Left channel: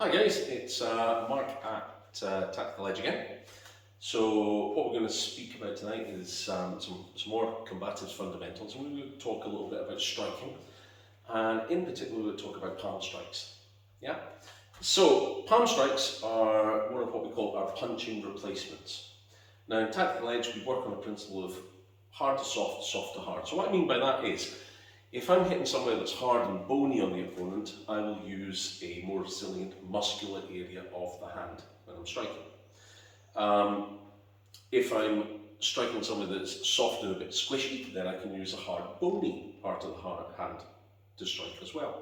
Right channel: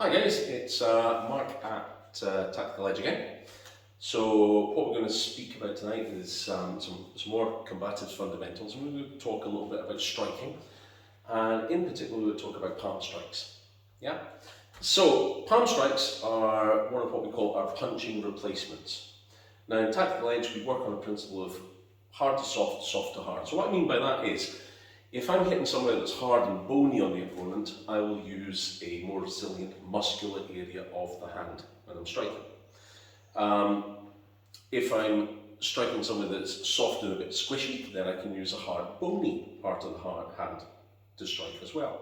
Hi guys, it's Mark at Tactical Edge again. So what we're going to speak about tonight is some more combatives fundamentals, and we're going to talk a little bit about striking, and in particular we're going to talk about palm strikes. Yeah. So palm strikes are one of what we call our punching replacements. Now in Tactical Edge we work on a principle of hard to soft, soft to hard. So what I mean by that is, if I'm hitting somewhere that's hard and bony on the opponent, I will use a more resilient muscular area of the hand when I'm striking. If I'm striking somewhere that's soft and a bit squishy, then I can use a hard bony part of the hand to strike as well.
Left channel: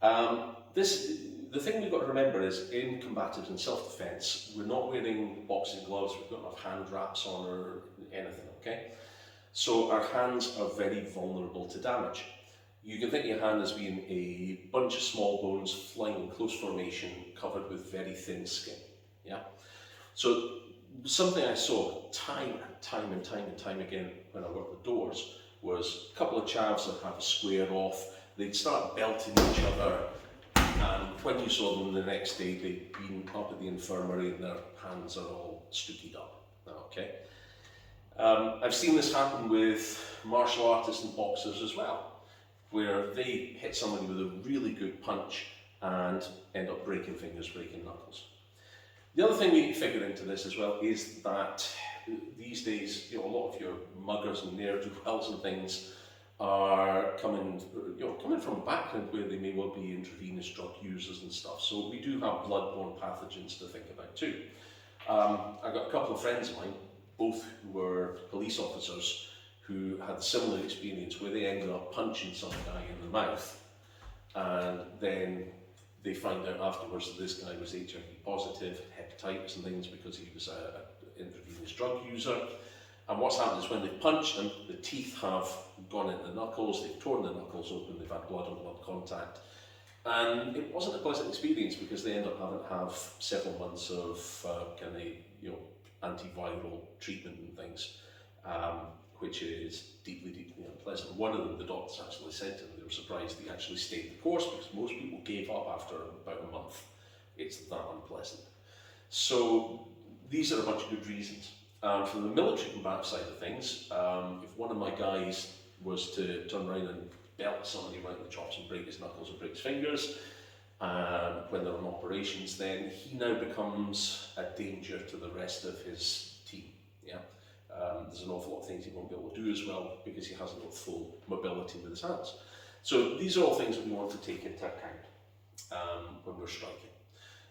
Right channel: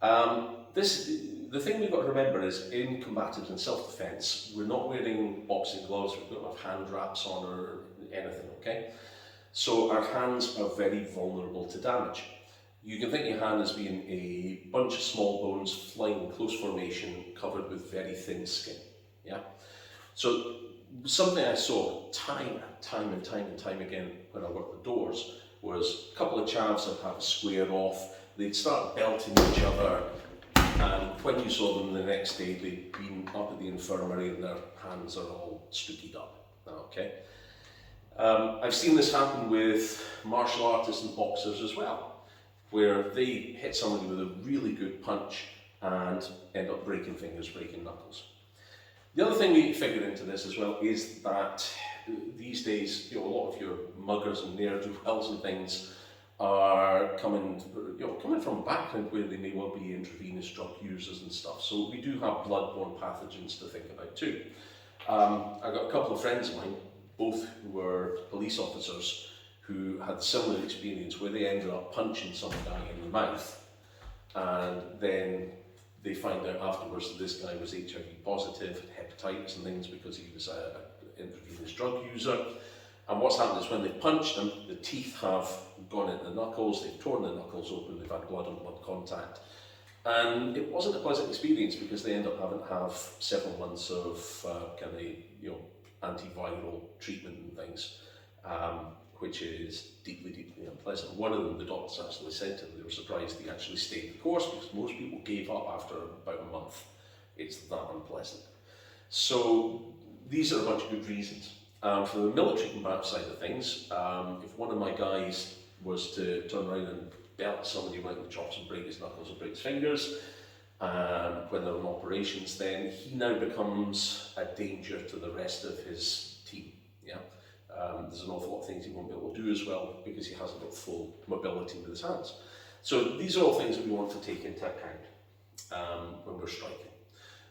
The thing we've got to remember is, in combatives and self-defense, we're not wearing boxing gloves, we don't have hand wraps on or anything, okay? So our hands are very vulnerable to damage. You can think of your hand as being a bunch of small bones flying in close formation, covered with very thin skin. Yeah. So something I saw time and time again when I worked the doors was a couple of chavs that have a square off. They'd start belting each other, and when you saw them the next day, they'd been up at the infirmary and their hands are all stookied up. Okay. I've seen this happen with martial artists and boxers as well, where they hit somebody with a really good punch and end up breaking fingers, breaking knuckles. The other thing we figure into this as well is that these days, a lot of your muggers and ne'er-do-wells and things are coming from a background where they may well be intravenous drug users and stuff. So we do have blood-borne pathogens to think about too. I've got a couple of friends of mine, both who were police officers, who had similar experience where they ended up punching some guy in the mouth, and then they find out afterwards that this guy was HIV positive, hepatitis and things, because he was an intravenous drug user. And what's happened is, when they punched him, the teeth have gone into the knuckles, they've torn the knuckles open, they've had blood on blood contact. And it wasn't a pleasant experience, because they end up having to have several months of antiviral treatment and things, which is deeply unpleasant. One of them, the doctors actually said to them, they were surprised he actually stayed the course, because most people gave up after about a month. It's that unpleasant. So these are a bunch of good reasons. For the military combat side of things, if one of my guys was to turn around and belt somebody right in the chops and break his knuckles or break his fingers, when they're on operations, then he now becomes a danger to the rest of his team. Yeah, there's an awful lot of things he won't be able to do as well, because he hasn't got full mobility with his hands. So these are all things that we want to take into account when we're striking.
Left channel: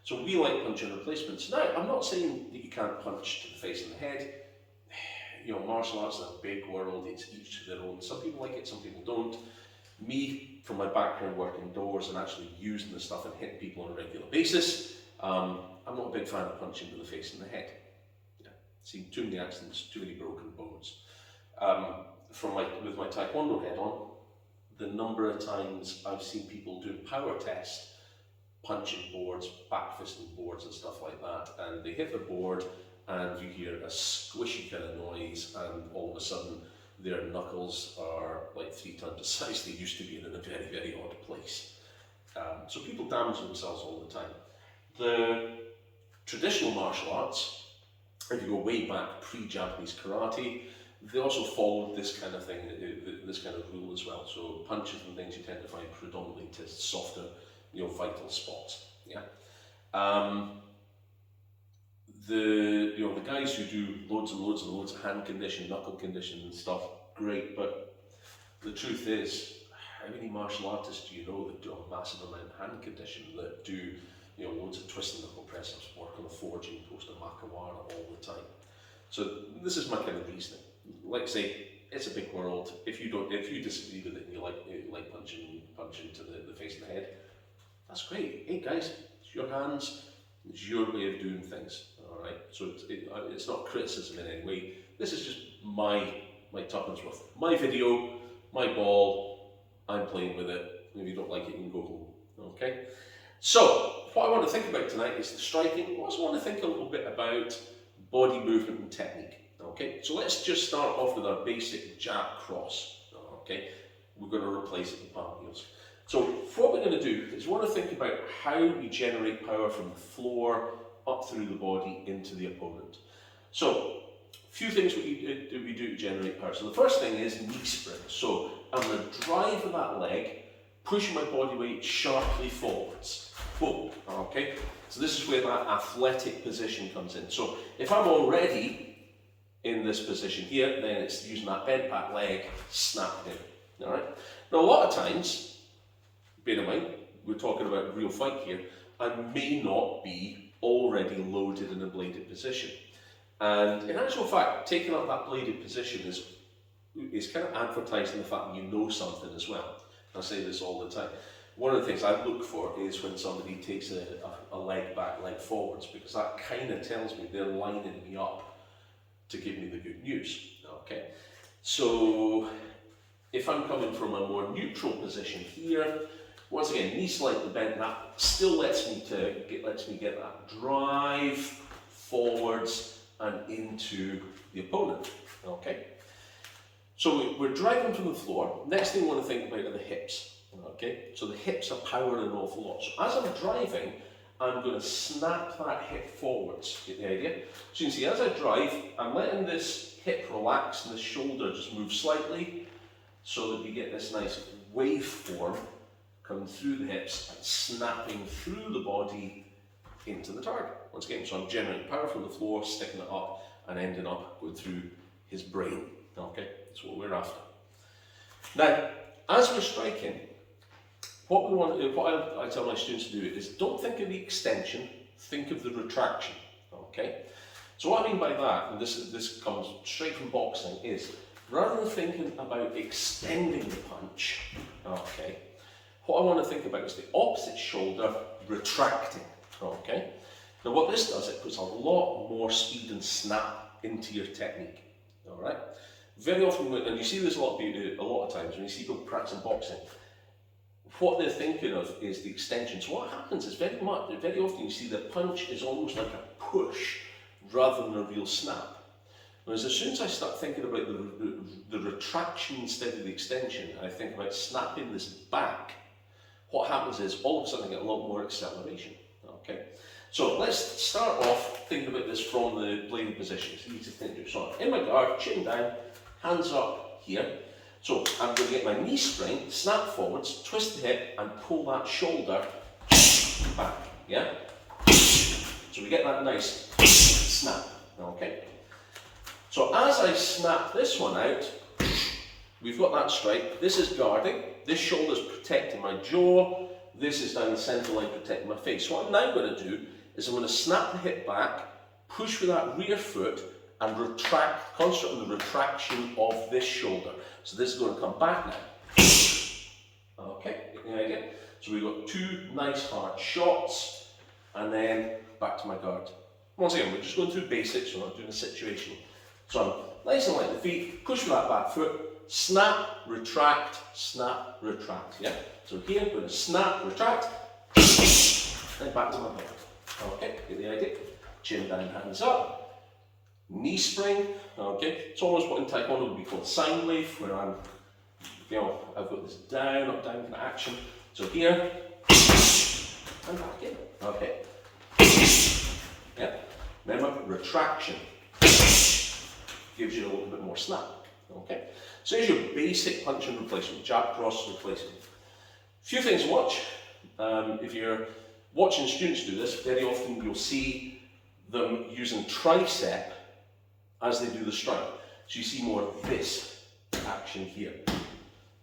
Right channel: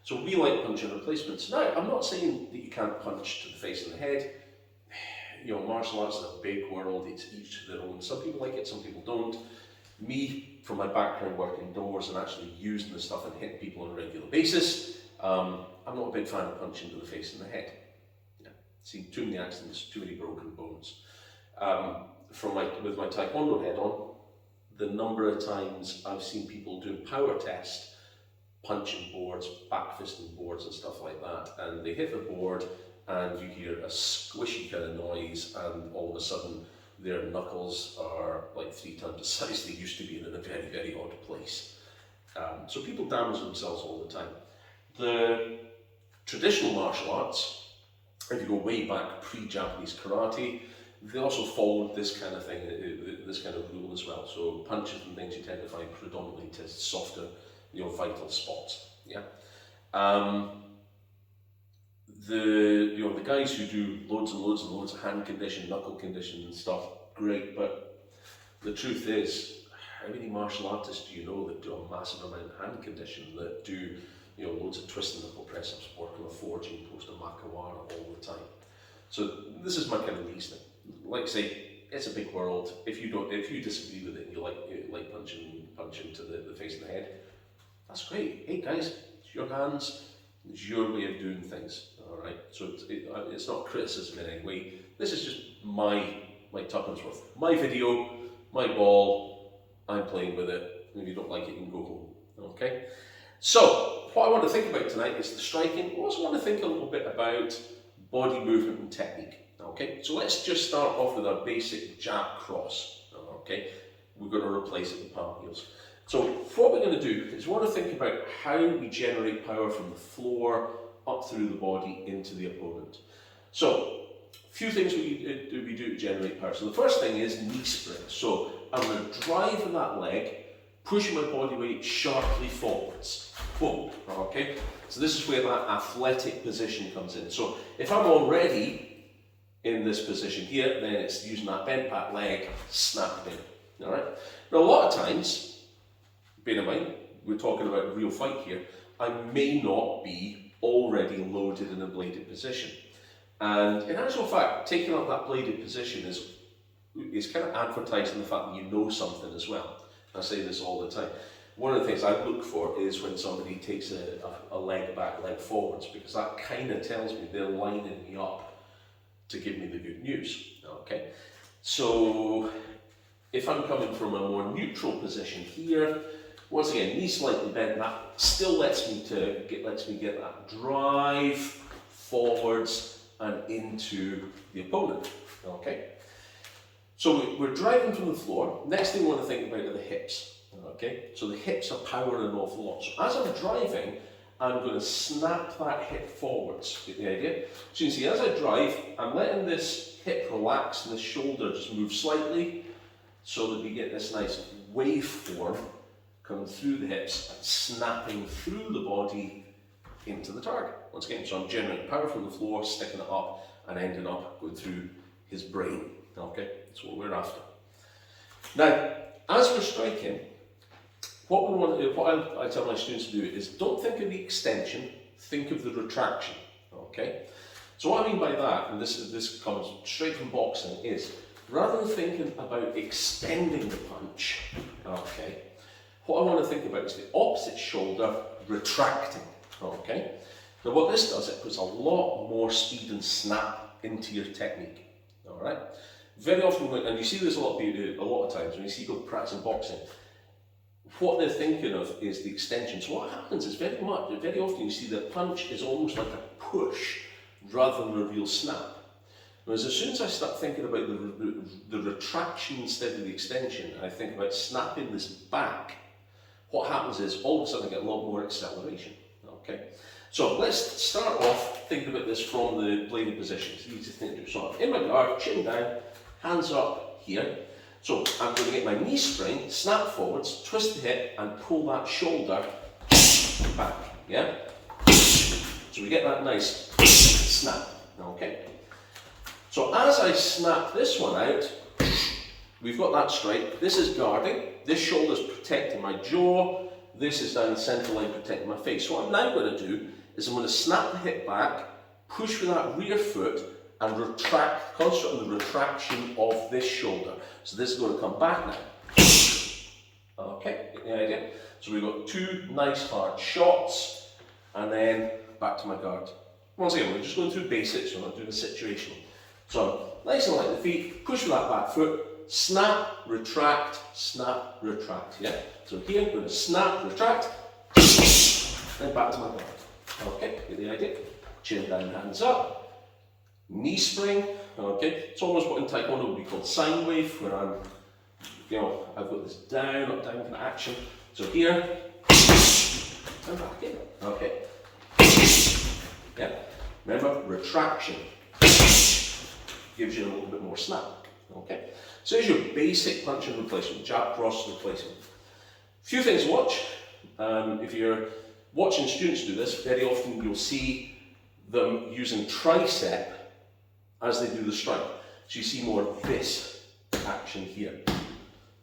So we like punching replacements. Now, I'm not saying that you can't punch to the face and the head. Martial arts is a big world, it's each to their own. Some people like it, some people don't. Me, from my background working doors and actually using the stuff and hitting people on a regular basis, I'm not a big fan of punching to the face and the head. Yeah, seen too many accidents, too many broken bones. With my Taekwondo head on, the number of times I've seen people doing power test, punching boards, back fisting boards and stuff like that, and they hit the board and you hear a squishy kind of noise, and all of a sudden their knuckles are like 3 times the size they used to be, in a very, very odd place. So people damage themselves all the time. The traditional martial arts, if you go way back pre-Japanese karate, they also followed this kind of thing, this kind of rule as well. So punches and things you tend to find predominantly to softer, vital spots. Yeah. The guys who do loads and loads and loads of hand condition, knuckle condition and stuff, great, but the truth is, how many martial artists do you know that do a massive amount of hand condition, that do loads of twist and knuckle press ups, work on a forging post, a makawara all the time? So this is my kind of reasoning. Like I say, it's a big world. If you disagree with it and you like punching to the face and the head, that's great. Hey guys, it's your hands, it's your way of doing things. All right. So it's not criticism in any way. This is just my tuppence worth. My video, my ball. I'm playing with it. If you don't like it, you can go home. Okay. So what I want to think about tonight is the striking. I also want to think a little bit about body movement and technique. Okay. So let's just start off with our basic jab cross. Okay. We're going to replace it with palm heels. So what we're going to do is we want to think about how we generate power from the floor up through the body into the opponent. So a few things we do to generate power. So the first thing is knee spring. So I'm going to drive with that leg, pushing my body weight sharply forwards. Boom. Okay. So this is where that athletic position comes in. So if I'm already in this position here, then it's using that bent back leg, snapped in. All right. Now a lot of times, bear in mind, we're talking about a real fight here, I may not be already loaded in a bladed position. And in actual fact, taking up that bladed position is kind of advertising the fact that you know something as well. I say this all the time. One of the things I look for is when somebody takes a leg back, leg forwards, because that kind of tells me they're lining me up to give me the good news. Okay, so if I'm coming from a more neutral position here, once again, knee slightly bent, that still lets me get that drive forwards and into the opponent. Okay, so we're driving from the floor. Next thing we want to think about are the hips. Okay, so the hips are powering an awful lot. So as I'm driving, I'm going to snap that hip forwards. Get the idea? So you can see as I drive, I'm letting this hip relax and this shoulder just move slightly so that we get this nice waveform coming through the hips and snapping through the body into the target. Once again, so I'm generating power from the floor, sticking it up and ending up going through his brain. Okay, that's what we're after. Now, as we're striking, what I tell my students to do is don't think of the extension, think of the retraction. Okay, so what I mean by that, and this comes straight from boxing, is rather than thinking about extending the punch, okay, what I want to think about is the opposite shoulder retracting. Okay, now what this does, it puts a lot more speed and snap into your technique. All right, very often, and you see this a lot of times when you see people practicing boxing, what they're thinking of is the extension. So what happens is very often you see the punch is almost like a push rather than a real snap. Whereas as soon as I start thinking about the retraction instead of the extension, I think about snapping this back, what happens is all of a sudden I get a lot more acceleration. Okay, so let's start off thinking about this from the bladed position. It's easy to think through. So I'm in my guard, chin down, hands up here. So I'm going to get my knee spring, snap forwards, twist the hip and pull that shoulder back, yeah? So we get that nice snap, okay? So as I snap this one out, we've got that strike. This is guarding, this shoulder's protecting my jaw, this is down the centre line protecting my face. So what I'm now going to do is I'm going to snap the hip back, push with that rear foot and retract, concentrate on the retraction of this shoulder. So this is going to come back now. Okay, get the idea? So we've got two nice hard shots and then back to my guard. Once again, we're just going through basics, we're not doing a situational. So I'm nice and light the feet, push with that back foot, snap, retract, yeah? So here, I'm going to snap, retract, and back to my guard. Okay, get the idea? Chin down, hands up. Knee spring, okay, it's almost what in Taekwondo would be called sine wave, where I'm, I've got this down, up, down kind of action. So here, and back in, okay. Yeah, remember, retraction gives you a little bit more snap, okay. So here's your basic punch and replacement, jab, cross, replacement. A few things to watch. If you're watching students do this, very often you'll see them using tricep as they do the strike. So you see more of this action here.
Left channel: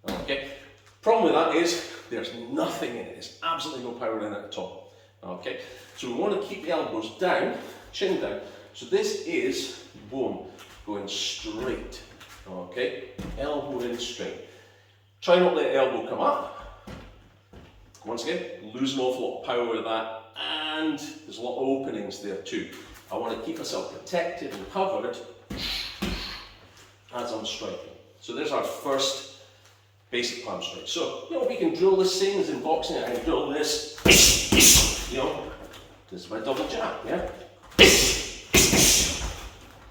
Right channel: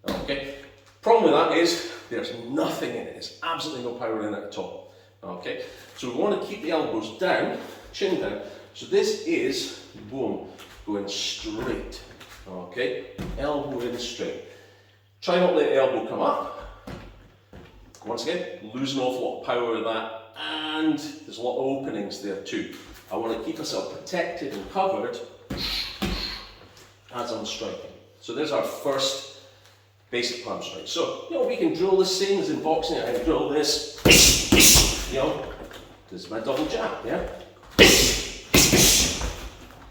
Okay. Problem with that is there's nothing in it. There's absolutely no power in it at all. Okay. So we want to keep the elbows down, chin down. So this is, boom, going straight. Okay. Elbow in straight. Try not to let the elbow come up. Once again, lose an awful lot of power with that. And there's a lot of openings there too. I want to keep myself protected and covered as I'm striking. So there's our first basic palm strike. So, we can drill the same as in boxing. I can drill this, this is my double jab, yeah?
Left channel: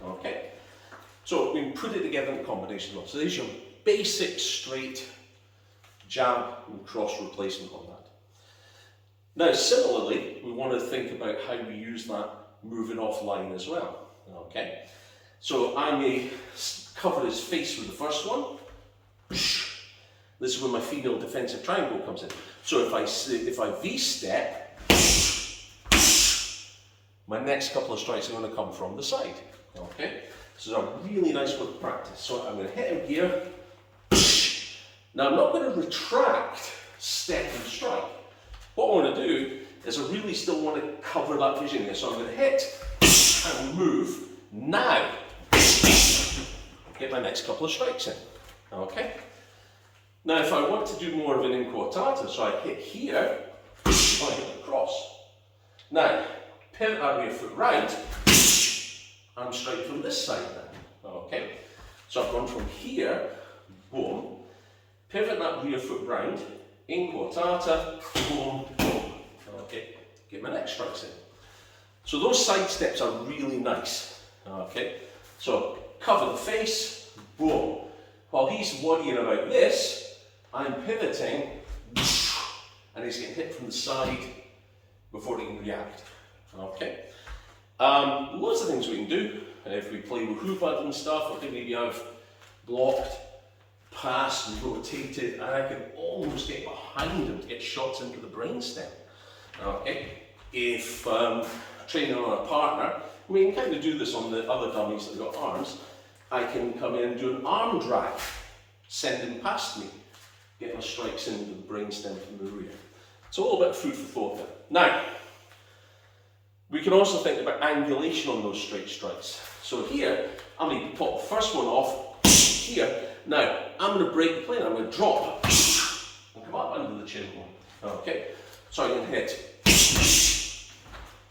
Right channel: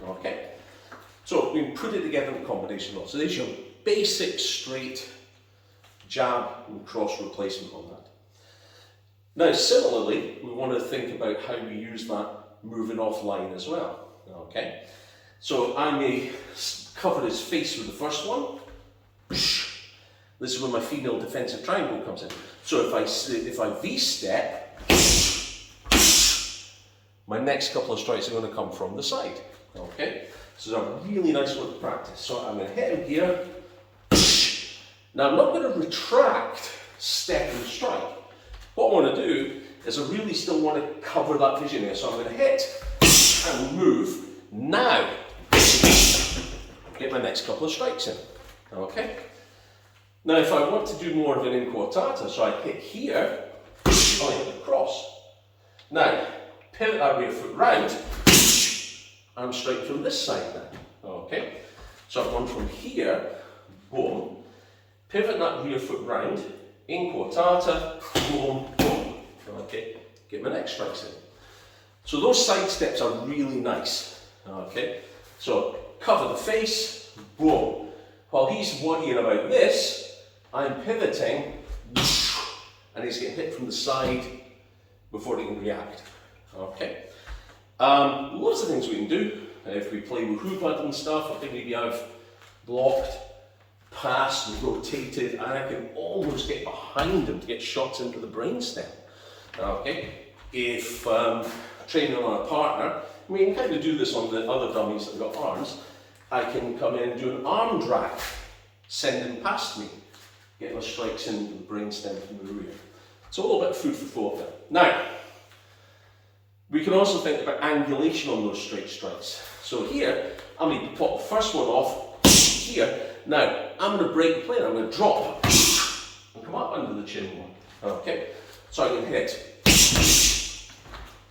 Okay. So we can put it together in combination well. So there's your basic straight jab and cross replacement on that. Now, similarly, we want to think about how we use that moving offline as well. Okay, so I may cover his face with the first one. This is where my female defensive triangle comes in. So if I V-step, my next couple of strikes are going to come from the side. Okay, so it's a really nice one to practice. So I'm going to hit him here. Now I'm not going to retract, step and strike. What I want to do is I really still want to cover that vision here. So I'm going to hit and move. Now, get my next couple of strikes in. Okay. Now if I want to do more of an inquartata, so I hit here, I hit the cross. Now, pivot that rear foot round, and strike from this side now. Okay. So I've gone from here, boom, pivot that rear foot round, inquartata, boom, boom. Okay, get my next strikes in. So those side steps are really nice. Okay, so cover the face, boom. While he's worrying about this, I'm pivoting, and he's getting hit from the side before he can react. Okay, lots of things we can do. If we play with hubad and stuff, I think maybe I've blocked, passed and rotated, and I can almost get behind him to get shots into the brainstem. Okay, if training on a partner, we can kind of do this on the other dummies that have got arms. I can come in and do an arm drag, send him past me, get my strikes into the brainstem from the rear. It's a little bit of food for thought there. Now, we can also think about angulation on those straight strikes. So here, I'm going to pop the first one off here. Now, I'm going to break the plane. I'm going to drop and come up under the chin one. Okay, so I can hit.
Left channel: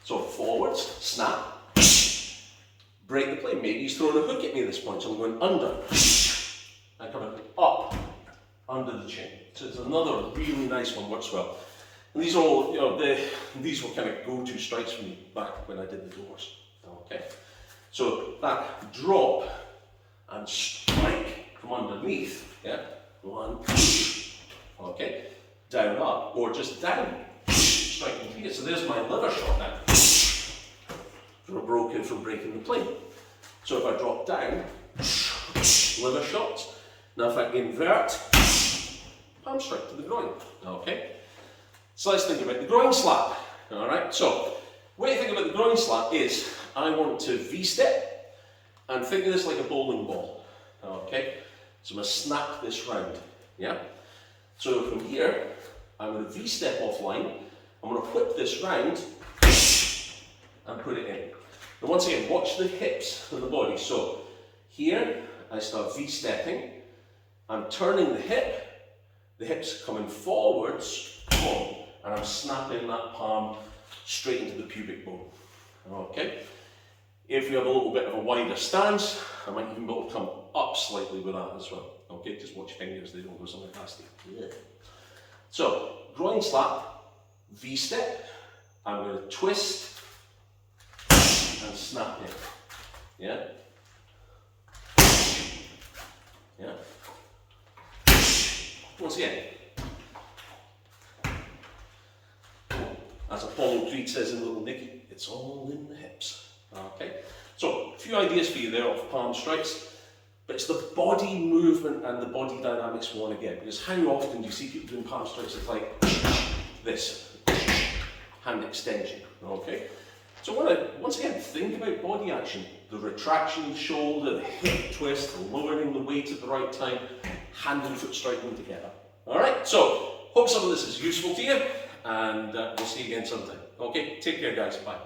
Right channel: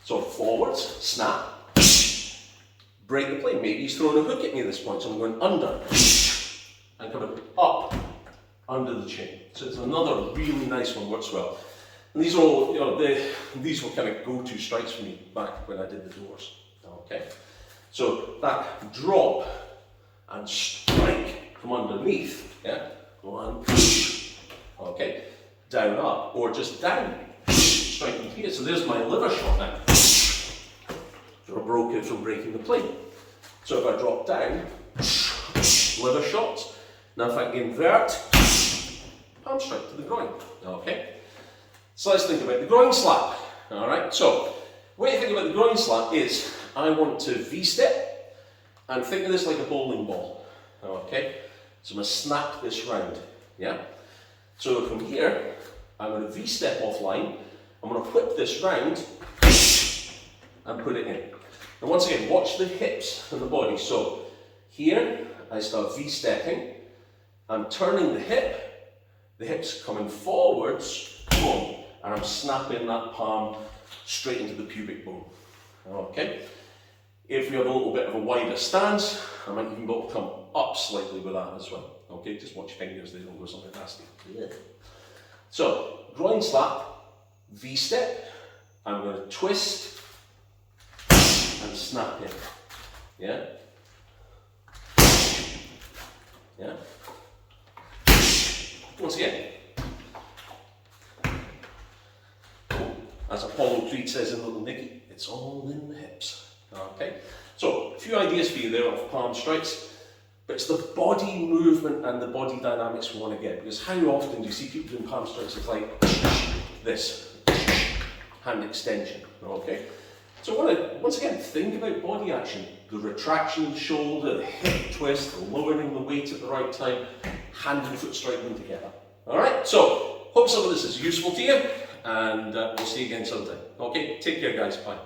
So forwards, snap, break the plane. Maybe he's throwing a hook at me at this point, so I'm going under and coming up under the chin. So it's another really nice one, works well. And these are all, these were kind of go-to strikes for me back when I did the doors. Okay, so that drop and strike from underneath, yeah, one, okay, down up, or just down, striking here. So there's my liver shot now. Broke it from breaking the plane. So if I drop down, liver shot. Now if I invert, palm strike to the groin. Okay. So let's think about the groin slap. All right. So the way you think about the groin slap is I want to V-step and think of this like a bowling ball. Okay. So I'm going to snap this round. Yeah. So from here, I'm going to V-step offline. I'm going to whip this round and put it in. And once again, watch the hips and the body. So here, I start V-stepping. I'm turning the hips coming forwards, boom, and I'm snapping that palm straight into the pubic bone. Okay. If we have a little bit of a wider stance, I might even be able to come up slightly with that as well. Okay, just watch your fingers, they don't go somewhere nasty. Yeah. So, groin slap, V-step, I'm going to twist and snap in. Yeah? Yeah? Once again, as Apollo Creed says in Little Nicky, it's all in the hips. Okay? So, a few ideas for you there of palm strikes, but it's the body movement and the body dynamics we want to get, because how often do you see people doing palm strikes? It's like this, hand extension. Okay? So I want to, once again, think about body action. The retraction of the shoulder, the hip twist, lowering the weight at the right time, hand and foot striking together. Alright, so hope some of this is useful to you, and we'll see you again sometime. Okay, take care guys, bye.